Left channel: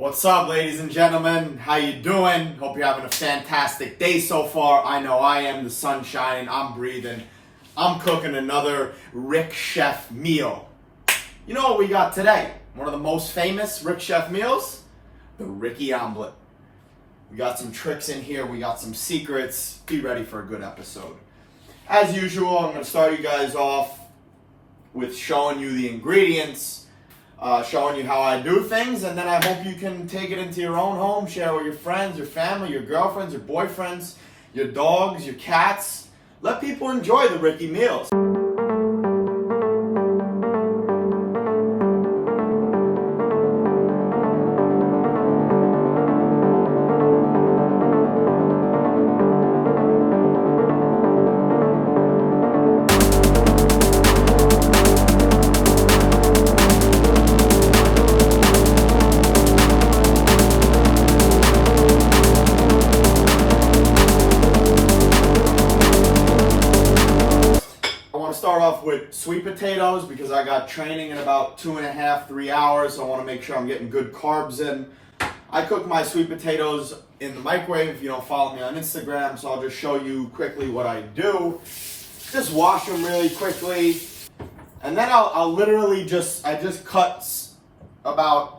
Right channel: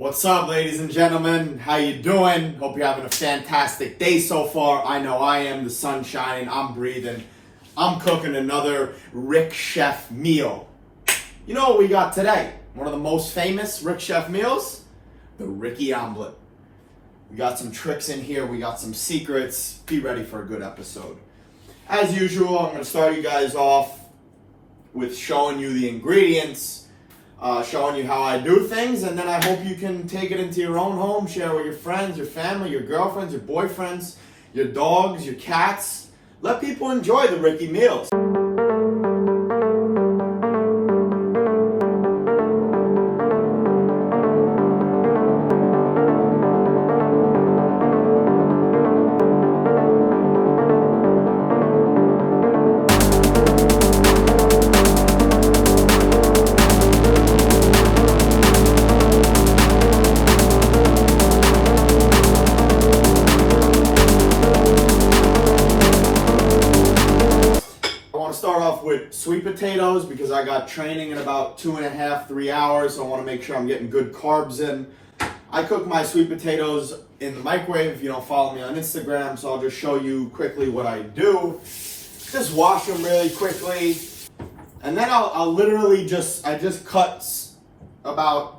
What's up, ladies and gentlemen? How you doing? Hope you're having a fantastic day so far. I know I am. The sun's shining. I'm breathing. I'm cooking another Rick Chef meal. You know what we got today? One of the most famous Rick Chef meals? The Ricky Omelette. We got some tricks in here. We got some secrets. Be ready for a good episode. As usual, I'm going to start you guys off with showing you the ingredients, showing you how I do things, and then I hope you can take it into your own home, share with your friends, your family, your girlfriends, your boyfriends, your dogs, your cats. Let people enjoy the Ricky meals. Start off with sweet potatoes because I got training in about 2.5 to 3 hours, so I want to make sure I'm getting good carbs in. I cook my sweet potatoes in the microwave if you don't follow me on Instagram, so I'll just show you quickly what I do. Just wash them really quickly, and then I'll literally just cut about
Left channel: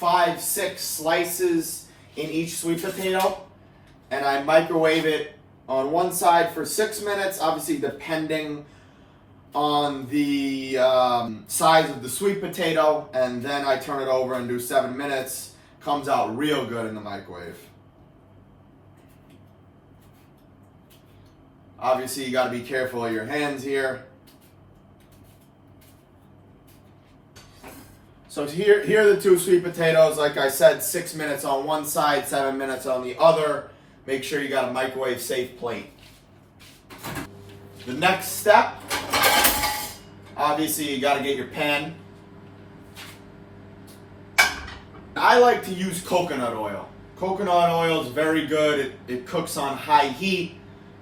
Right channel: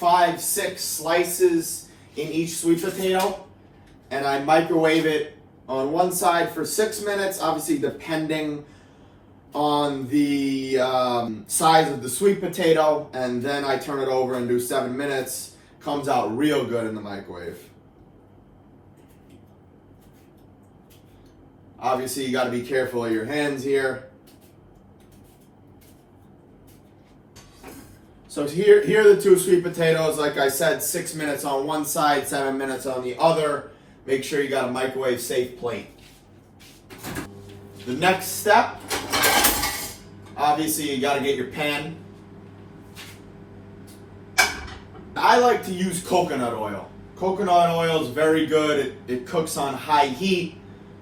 5-6 slices in each sweet potato, and I microwave it on one side for 6 minutes, obviously depending on the size of the sweet potato, and then I turn it over and do 7 minutes. Comes out real good in the microwave. Obviously you got to be careful of your hands here. So here are the two sweet potatoes. Like I said, 6 minutes on one side, 7 minutes on the other. Make sure you got a microwave safe plate. The next step, obviously you got to get your pan. I like to use coconut oil. Coconut oil is very good. It cooks on high heat,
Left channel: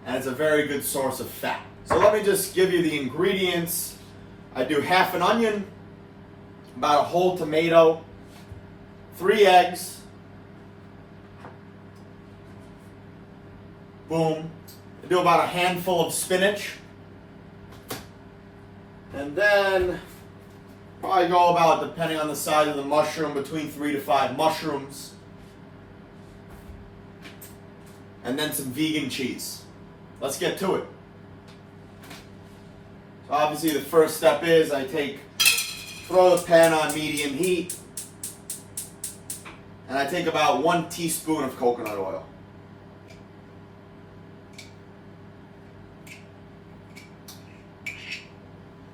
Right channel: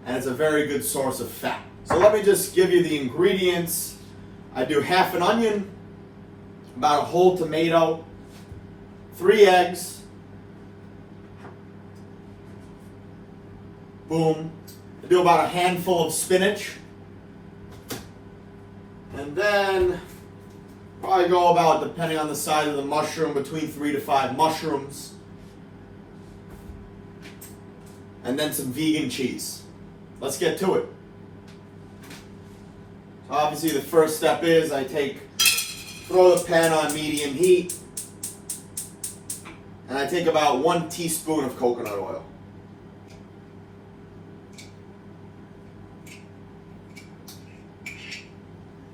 and it's a very good source of fat. So let me just give you the ingredients. I do half an onion, about a whole tomato, 3 eggs, boom. I do about a handful of spinach. And then probably go about, depending on the size of the mushroom, between 3 to 5 mushrooms. And then some vegan cheese. Let's get to it. So obviously the first step is throw the pan on medium heat, and I take about 1 teaspoon of coconut oil.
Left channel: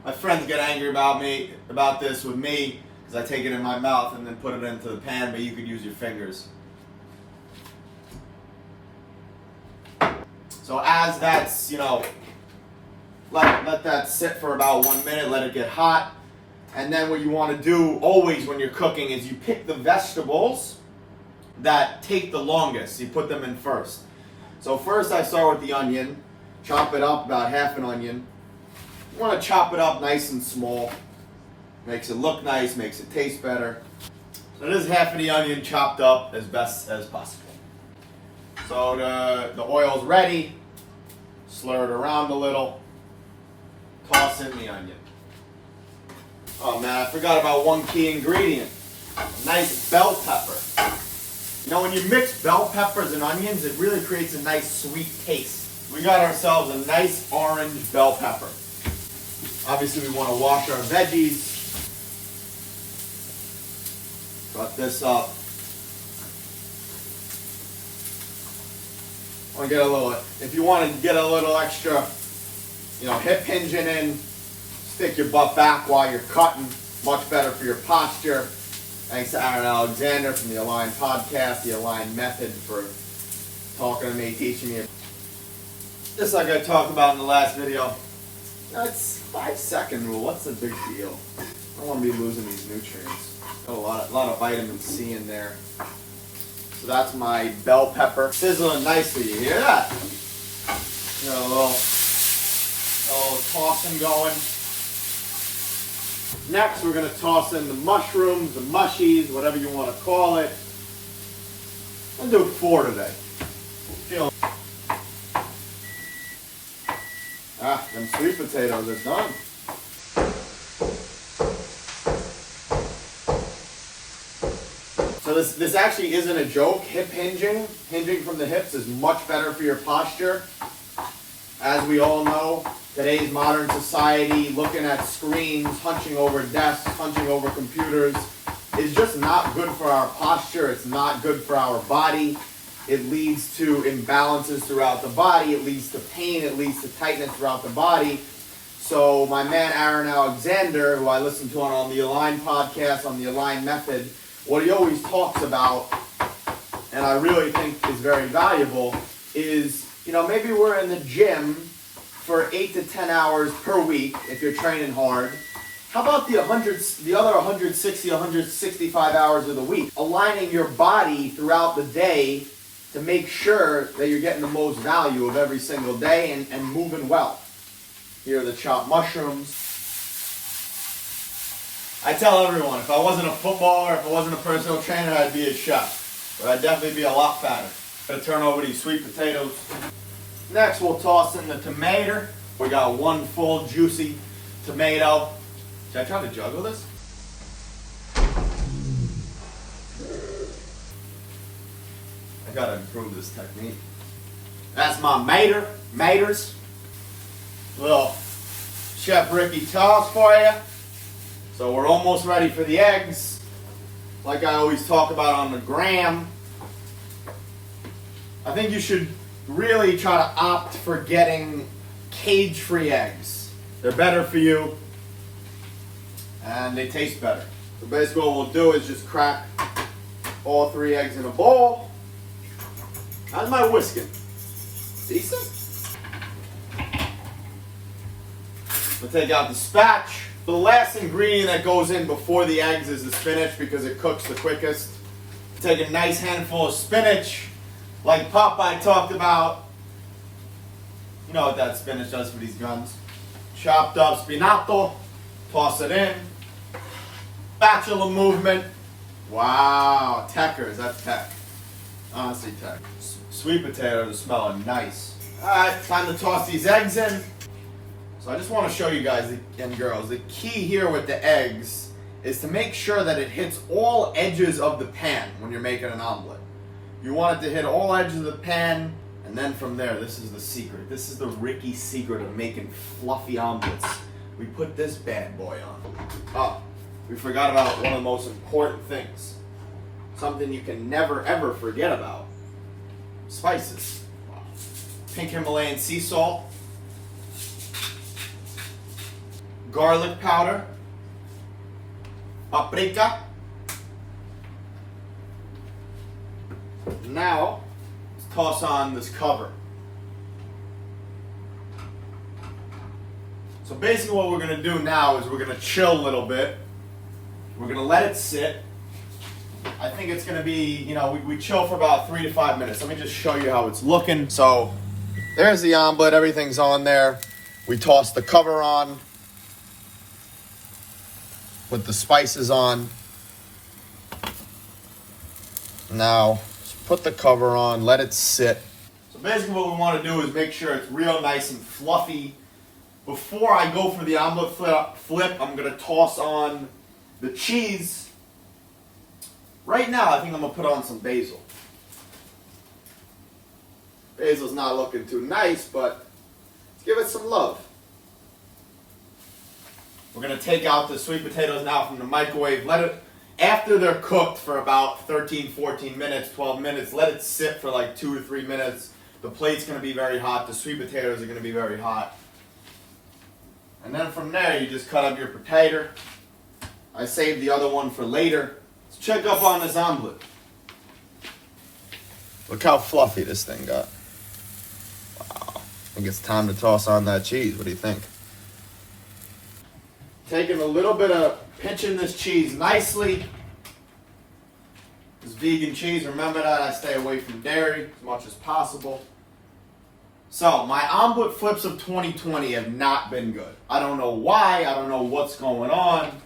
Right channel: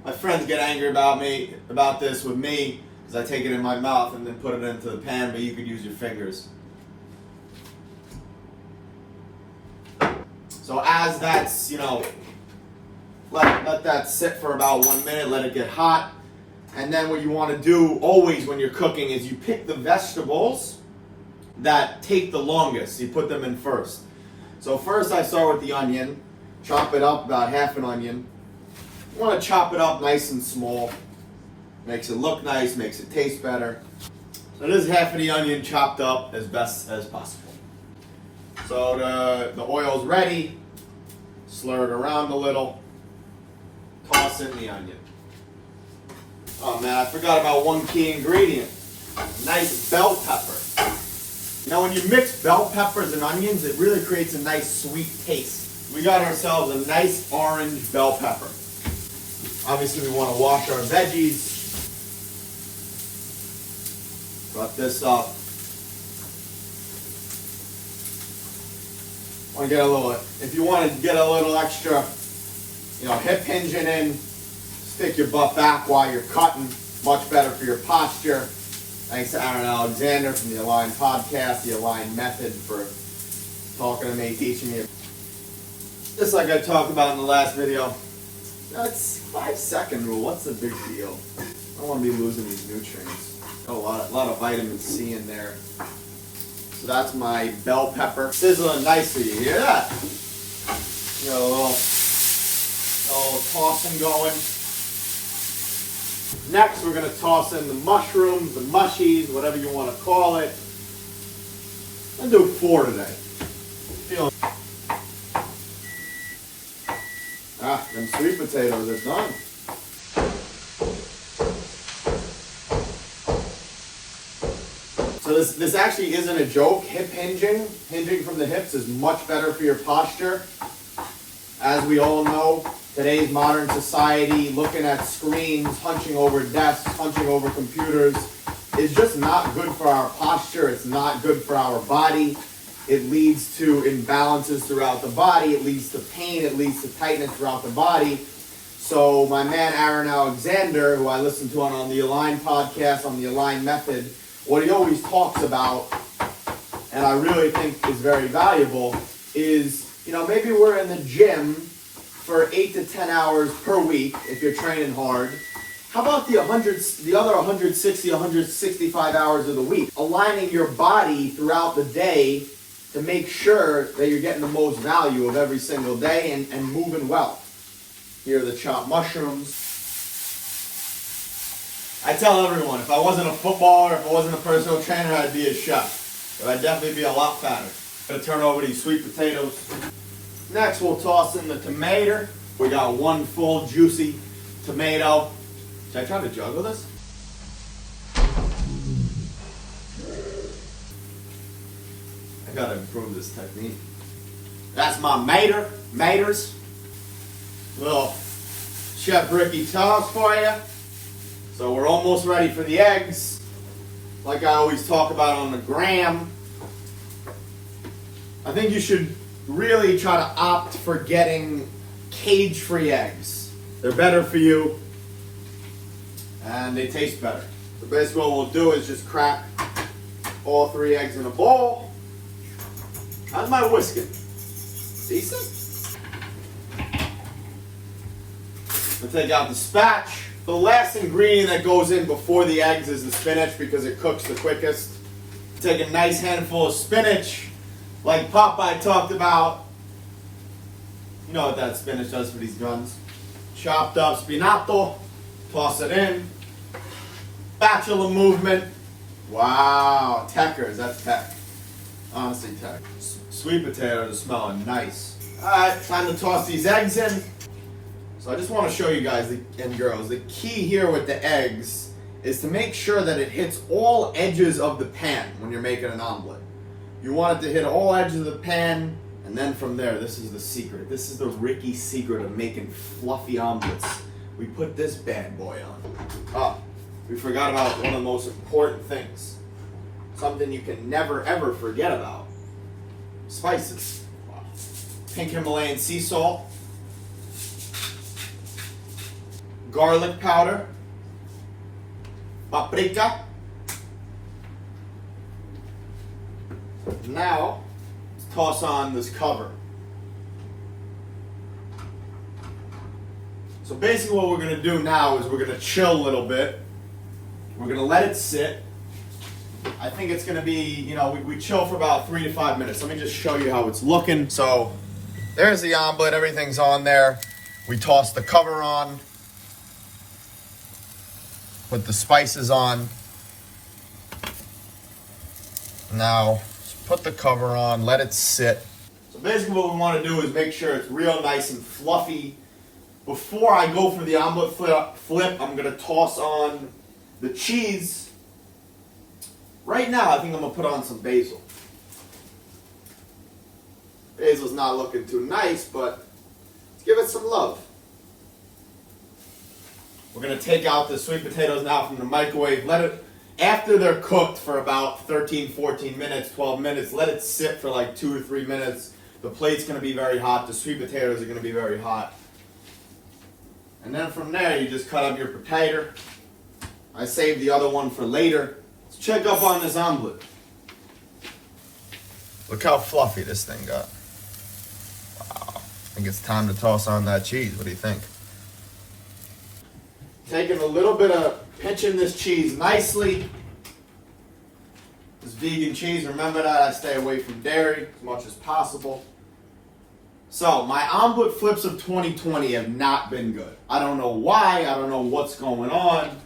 My friends get angry about this with me because I take it in my mouth and then put it into the pan, but you could use your fingers. So as that's, let that sit for about 1 minute, let it get hot. And then what you want to do always when you're cooking is you pick the vegetables that take the longest. You put them in first. So first I start with the onion, chop it up, about half an onion. You want to chop it up nice and small. Makes it look nice, makes it taste better. So this is half of the onion chopped up as best as possible. So the oil's ready. Slur it around a little. Toss in the onion. Oh man, I forgot about one key ingredient. A nice bell pepper. Now when you mix bell peppers and onions, it really creates a nice sweet taste. We got ourselves a nice orange bell pepper. Obviously we want to wash our veggies. Cut this up. If you want to get a little extra, hip hinging in, stick your butt back while you're cutting. Much better for your posture. Thanks to Aaron Alexander from the Align podcast, the Align method, for talking to me, teaching me. Just like I talked about in the last video, it's 5-second rule. What's the big deal? I don't want to be losing these nutrients. Got a lot of vitamin C in there. So that's my bell pepper. Sizzling nicely. You hear that? Got a little tossing going. Next, we're going to toss in the mushrooms, the mushies, whatever you want to call it. I'll do 4 today. Them sweet potatoes are done. So this actually isn't a joke. Hip hinging from the hips is much better for your posture. As we all know, today's modern society, looking at screens, hunching over desks, hunching over computers, is just not good for our posture. It's not good for our body. It leads to imbalances throughout the body. It leads to pain. It leads to tightness throughout the body. So my man Aaron Alexander, who I listen to on the Align podcast, on the Align method, what he always talks about, and I really think is very valuable, is, maybe we're in the gym for 8 to 10 hours per week if you're training hard. How about the other 160, 165 hours of the week? Aligning your body throughout the day to make sure that you're getting the most value of every single day and moving well. Here are the chopped mushrooms. I tell everyone, if I wasn't a footballer, if I wasn't a personal trainer, I'd be a chef. But I'd definitely be a lot fatter. Gonna turn over these sweet potatoes. Next, we'll toss in the tomato. We got 1 full juicy tomato. Should I try to juggle this? I gotta improve this technique. That's my maters. Little Chef Ricky toss for you. So we're almost ready for the eggs. Like I always talk about on the gram, I think you should really try to opt for getting cage-free eggs. They're better for you and they taste better. So basically what we'll do is just crack all 3 eggs in a bowl. How's my whisking? Decent? We'll take out the spatch. The last ingredient that goes in before the eggs is the spinach because it cooks the quickest. Take a nice handful of spinach, like Popeye talked about. You know what that spinach does for these guns. Chopped up spinato, toss it in. Spatula movement. Wow, techers, that's tech. Honestly, tech. Sweet potatoes are smelling nice. Alright, time to toss these eggs in. So I just want to show you guys and girls, the key here with the eggs is to make sure that it hits all edges of the pan when you're making an omelet. You want it to hit all edges of the pan, and then from there, this is the secret. This is the Ricky secret of making fluffy omelets. We put this bad boy on. Oh, we forgot about one of the most important things. Something you can never ever forget about. Spices. Pink Himalayan sea salt. Garlic powder, paprika. Now, let's toss on this cover. So basically what we're going to do now is we're going to chill a little bit. We're going to let it sit. I think it's going to be, we chill for about 3 to 5 minutes. Let me just show you how it's looking. So, there's the omelet. Everything's on there. We toss the cover on. Put the spices on. Now, put the cover on, let it sit. So basically what we want to do is make sure it's real nice and fluffy. Before I go for the omelet flip, I'm going to toss on the cheese. Right now, I think I'm going to put on some basil. Basil's not looking too nice, but let's give it some love. We're going to take out the sweet potatoes now from the microwave. Let it, after they're cooked for about 13, 14 minutes, 12 minutes, let it sit for like 2 or 3 minutes. The plate's going to be very hot. The sweet potatoes are going to be very hot. And then from there, you just cut up your potato. I saved the other one for later. Let's check up on this omelet. Look how fluffy this thing got. Wow. I think it's time to toss on that cheese. What do you think? Taking a little bit of pinching this cheese nicely. This vegan cheese, remember that I stay away from dairy as much as possible. So, my omelet flips of 2020 have not been good. I don't know why, I don't know what's going on,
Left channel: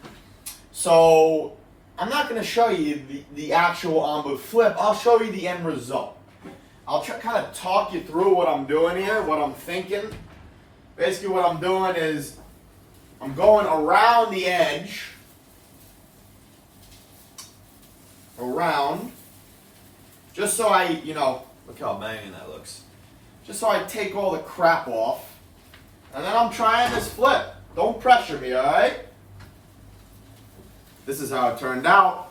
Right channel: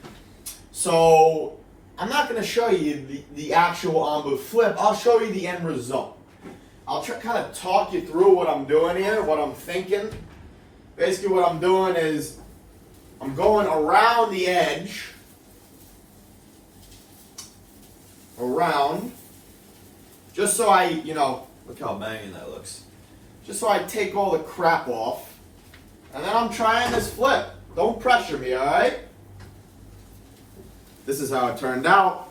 So I'm not going to show you the actual omelet flip. I'll show you the end result. I'll kind of talk you through what I'm doing here, what I'm thinking. Basically what I'm doing is I'm going around the edge, around, just so I, look how banging that looks. Just so I take all the crap off. And then I'm trying this flip. Don't pressure me, all right? This is how it turned out.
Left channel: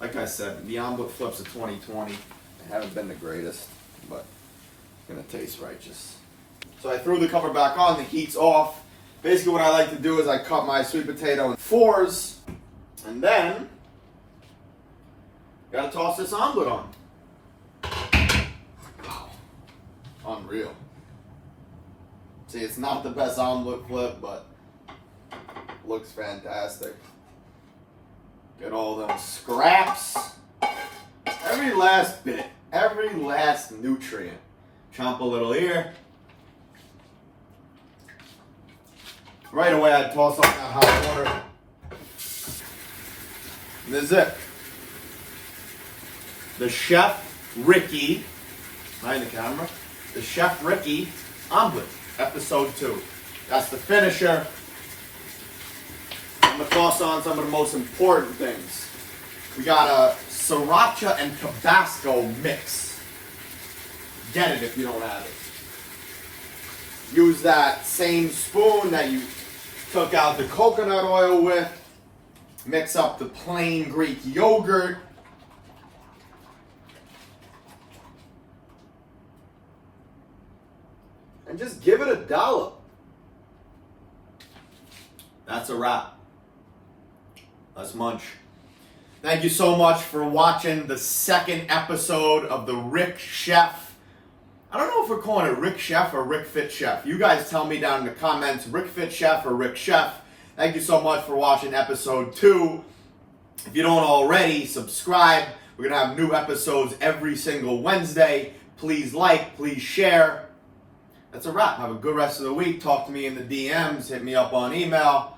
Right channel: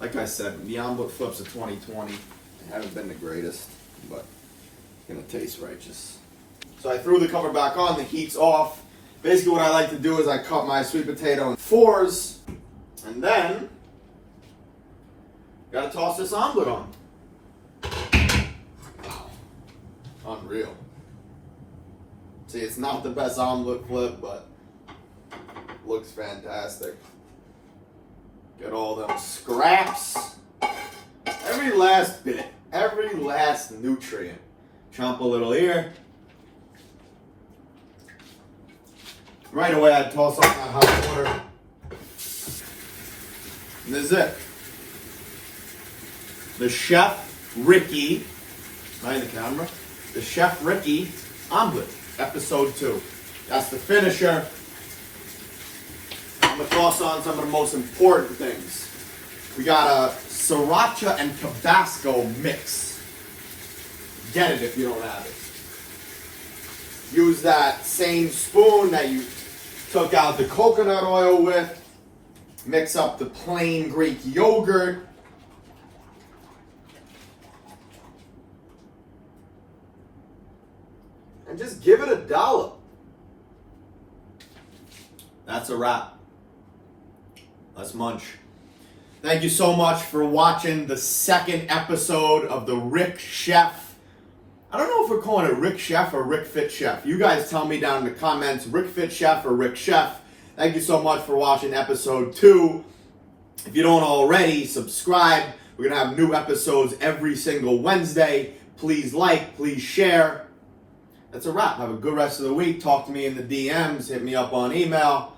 Like I said, the omelet flips of 2020 haven't been the greatest, but it's gonna taste righteous. So I threw the cover back on, the heat's off. Basically what I like to do is I cut my sweet potato in fours, and then gotta toss this omelet on. Unreal. See, it's not the best omelet flip, but looks fantastic. Get all them scraps. Every last bit. Every last nutrient. Chomp a little here. Right away I toss on that hot water. And this is it. The Chef Ricky, behind the camera, the Chef Ricky omelet. Episode 2. That's the finisher. I'm going to toss on some of the most important things. We got a sriracha and Tabasco mix. Get it if you don't have it. Use that same spoon that you took out the coconut oil with. Mix up the plain Greek yogurt. And just give it a dollop. That's a wrap. Let's munch. Thank you so much for watching the second episode of the Rick Chef. I don't know if we're calling it Rick Chef or Rick Fit Chef. You guys tell me down in the comments, Rick Fit Chef or Rick Chef. Thank you so much for watching episode 2. If you don't already, subscribe. We're going to have new episodes every single Wednesday. Please like, please share. That's a wrap. Have a good rest of the week. Talk to me in the DMs. Hit me up on email.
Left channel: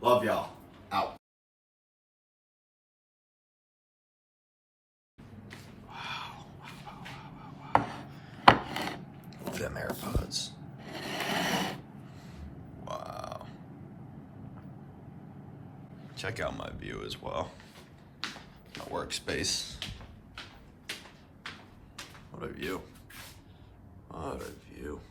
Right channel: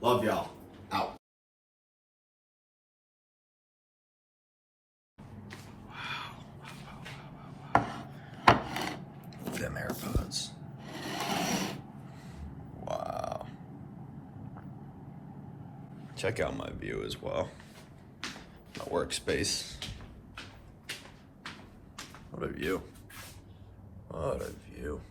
Love y'all. Out. Wow. Them AirPods. Wow. Check out my view as well. My workspace. What a view. What a view.